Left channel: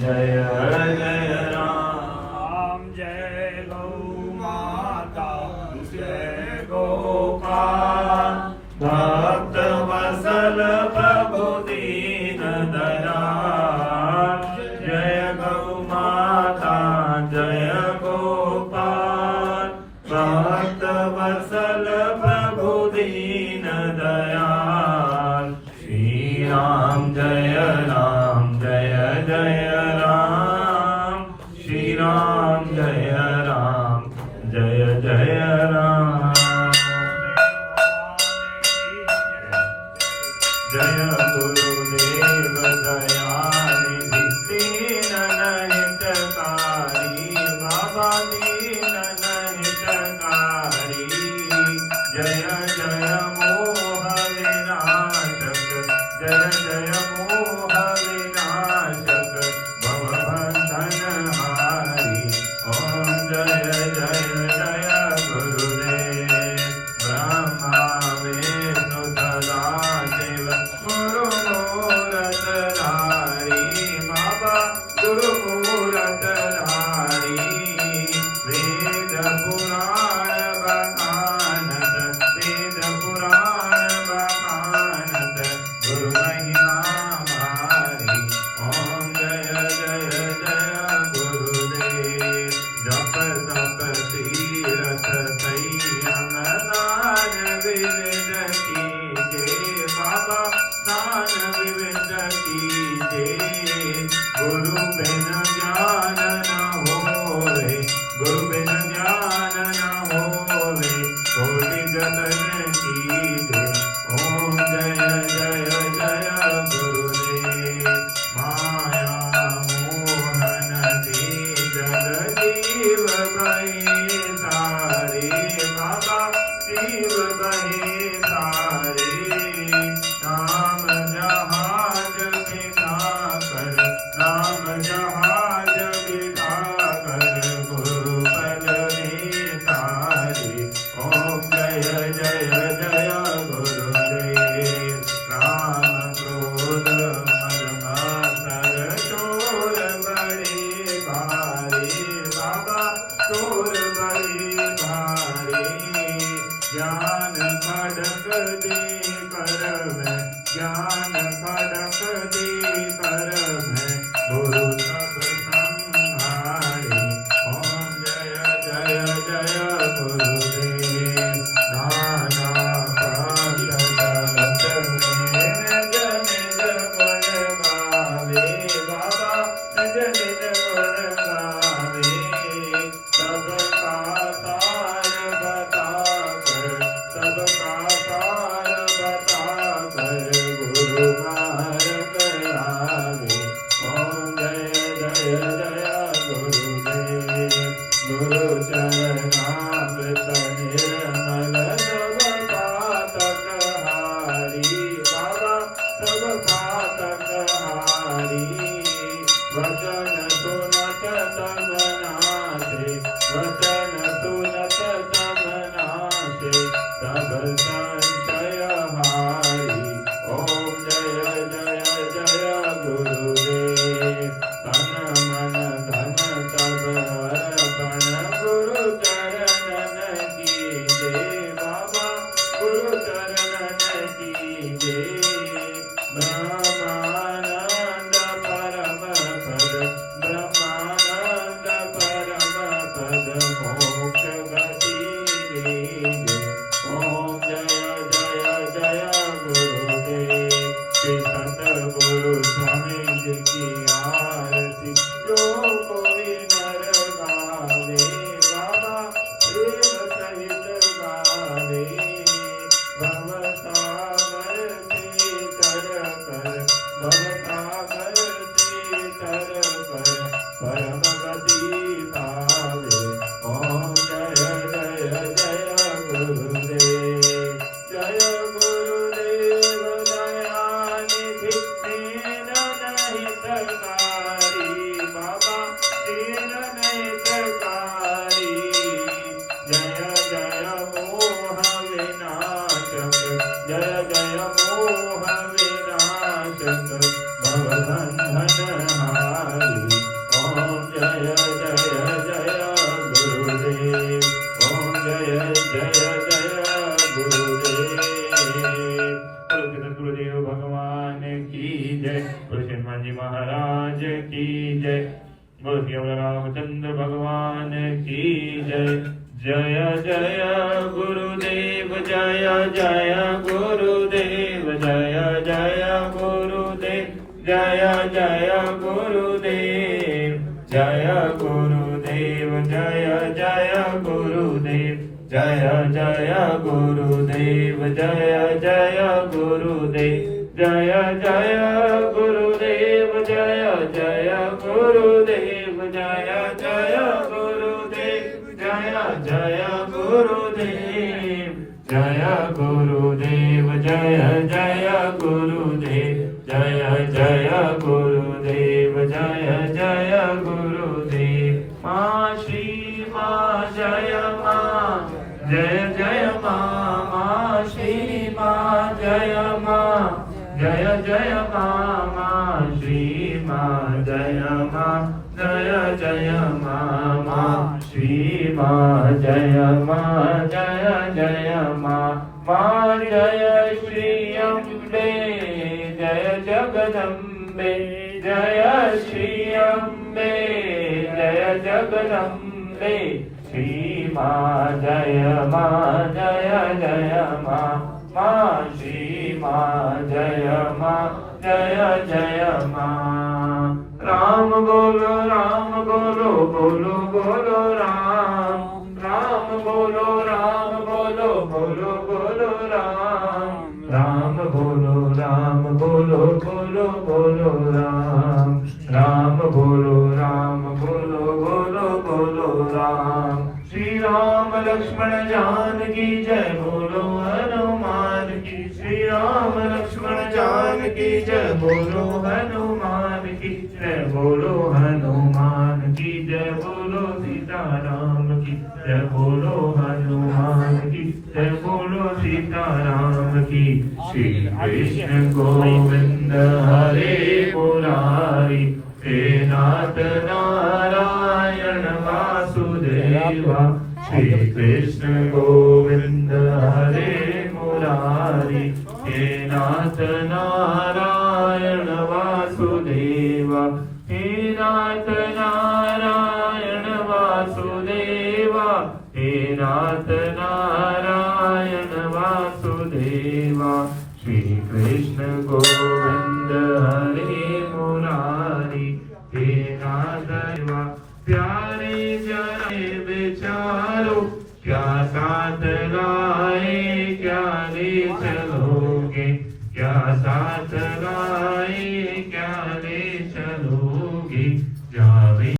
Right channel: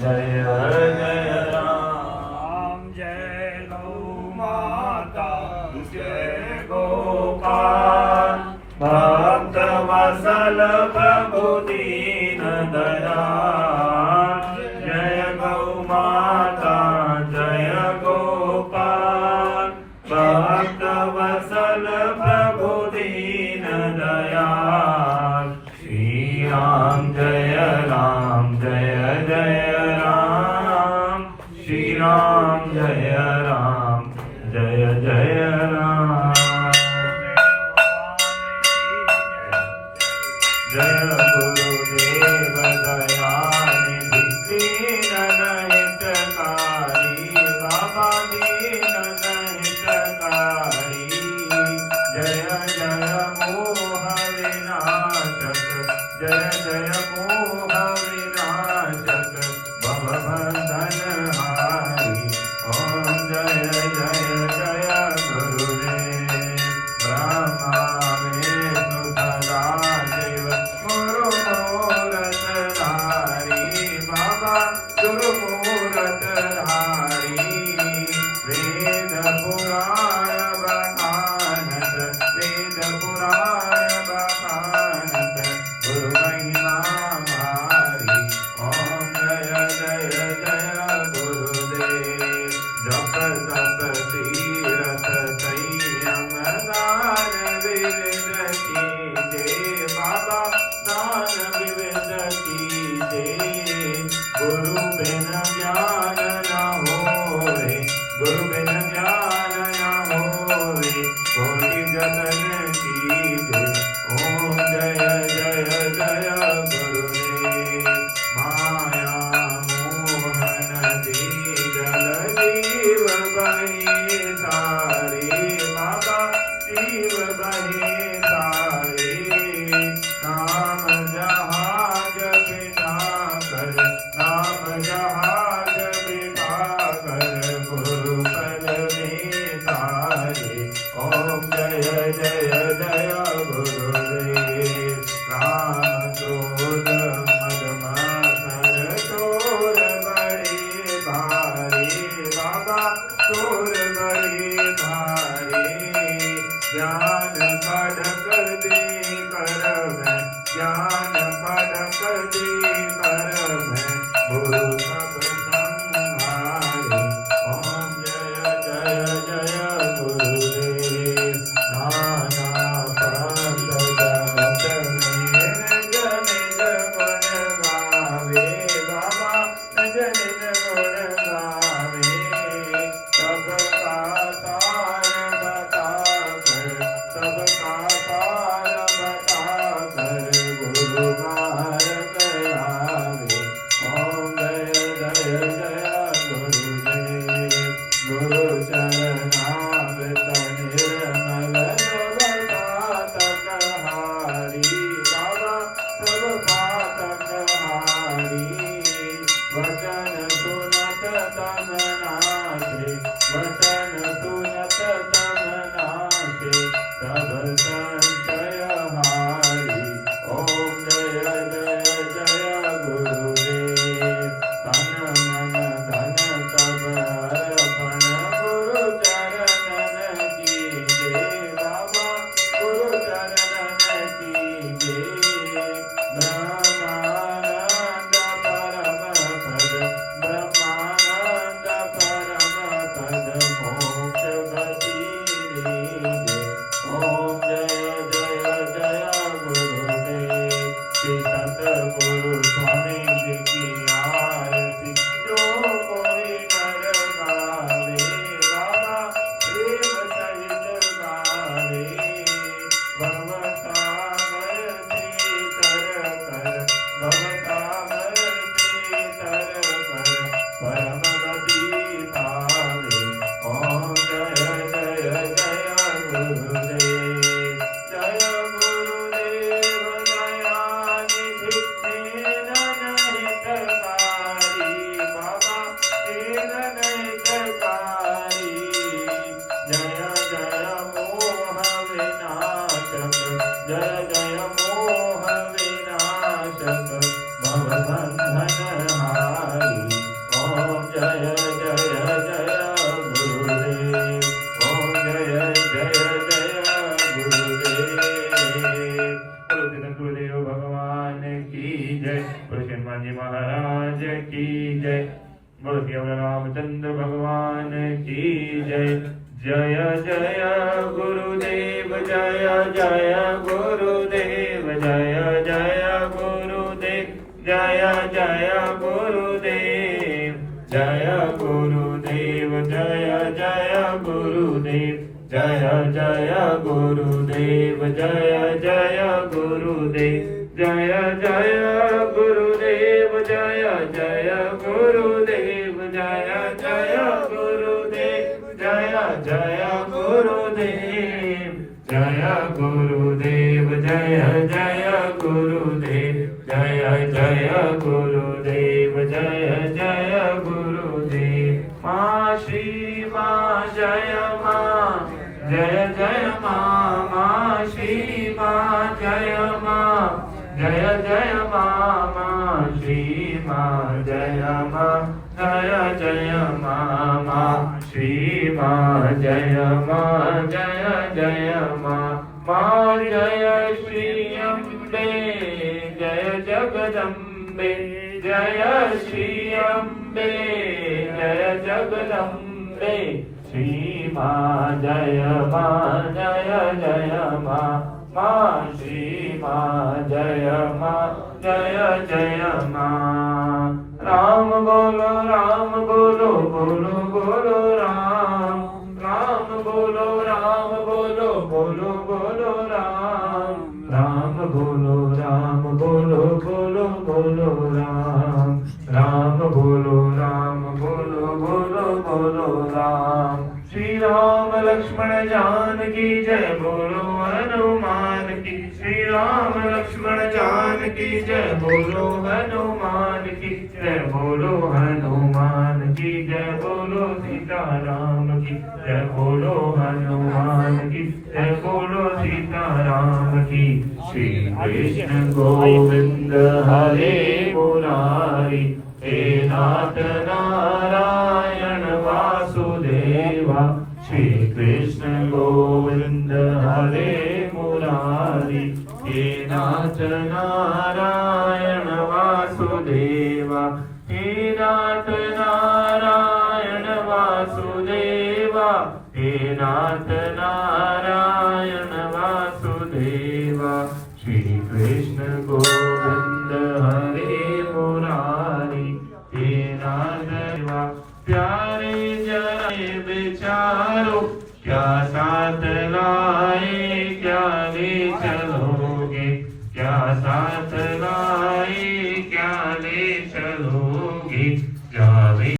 जय राम जय गौ माता जय गोपाल भक्त वत्सल प्रभु दीन दयाल जय गौ माता जय गोपाल भक्त वत्सल प्रभु दीन दयाल श्री राम जय राम जय जय राम श्री राम जय राम जय जय राम जय गुरुदेव दयानिधि दीन हितकारी बाबा दीन हितकारी जय जय मोह विनाशक जय जय मोह विनाशक भवबंधनहारी ओम जय जय जय गुरुदेव ब्रह्मा विष्णु सदाशिव गुरु मूरत धारी बाबा गुरु मूरत धारी वेद पुराण बखानत वेद पुराण बखानत गुरु महिमा भारी ओम जय जय जय गुरुदेव जप तप तीरथ संयम दान विविध कीजे बाबा दान विविध कीजे गुरु बिन ज्ञान न होवे गुरु बिन ज्ञान न होवे कोटि जतन कीजे ओम जय जय जय गुरुदेव माया मोहन जल जीव बहे सारे बाबा जीव बहे सारे नाम जहाज बिना कर नाम जहाज बिना कर गुरु पद में तारे ओम जय जय जय गुरुदेव राम क्रोध मद मत्सर चोर बड़े भारे बाबा चोर बड़े भारे ज्ञान खड़क दे कर में ज्ञान खड़क दे कर में गुरु सब संहारे ओम जय जय जय गुरुदेव नाना भक्त जगत में निज निज गुण गावे बाबा निज निज गुण गावे सबका सार बता कर सबका सार बता कर गुरु मार्ग आवे ओम जय जय जय गुरुदेव गुरु चरणामृत निर्मल सब पातक हारी बाबा सब पातक हारी वचन सुनत तब नाशे वचन सुनत तब नाशे तब संशय हारी ओम जय जय जय गुरुदेव तन मन धन तब अर्पण गुरु चरणन कीजे बाबा गुरु चरणन कीजे ब्रह्मानंद परम पद ब्रह्मानंद परम पद मोक्ष गति लीजे ओम जय जय जय गुरुदेव श्री सतगुरु स्वामी जी की आरती जो कोई नर गावे बाबा प्रेम सहित गावे भवसागर से तर कर भवसागर से तर कर परम गति पावे ओम जय जय जय गुरुदेव जय गुरुदेव दयानिधि दीन हितकारी बाबा दीन हितकारी जय जय मोह विनाशक जय जय मोह विनाशक भवबंधनहारी महाराज की जय। बोल केवल रामचंद्र भगवान की जय। जय जय गुरुदेव जय जय गुरुदेव जय जय गुरुदेव जय जय गुरुदेव जय गुरुदेव जय जय गुरुदेव जय जय गुरुदेव जय जय गुरुदेव जय जय गुरुदेव जय जय गुरुदेव जय जय गुरुदेव जय जय गुरुदेव जय गुरुदेव जय जय गुरुदेव जय जय गुरुदेव जय जय गुरुदेव। माँ श्री माँ जय माँ जय जय माँ। माँ श्री माँ जय माँ जय जय माँ। माँ श्री माँ जय माँ जय जय माँ। माँ श्री माँ जय माँ जय जय माँ। माँ जय श्री अम्बे जय जगदम्बे जय श्री अम्बे जय जगदम्बे। श्री माँ जय माँ जय जय माँ। माँ श्री माँ जय माँ जय जय माँ। राम बोलो बोलो बोलो राम। राम बोलो बोलो बोलो राम। राम बोलो बोलो बोलो राम। राम बोलो बोलो राम। श्री राम लक्ष्मण जानकी जय बोलो हनुमान की। श्री राम लक्ष्मण जानकी जय बोलो हनुमान की जय बोलो हनुमान की जय बोलो सीताराम की जय बोलो हनुमान की जय बोलो सीताराम की। श्री कृष्ण गोविंद हरे मुरारी हे नाथ नारायण वासुदेवा। श्री कृष्ण गोविंद हरे मुरारी हे नाथ नारायण वासुदेवा। हे नाथ नारायण वासुदेवा। हे नाथ नारायण वासुदेवा। श्री कृष्ण गोविंद हरे मुरारी हे नाथ प्यारे जय विचारो क्या साथ लाए क्या विचार।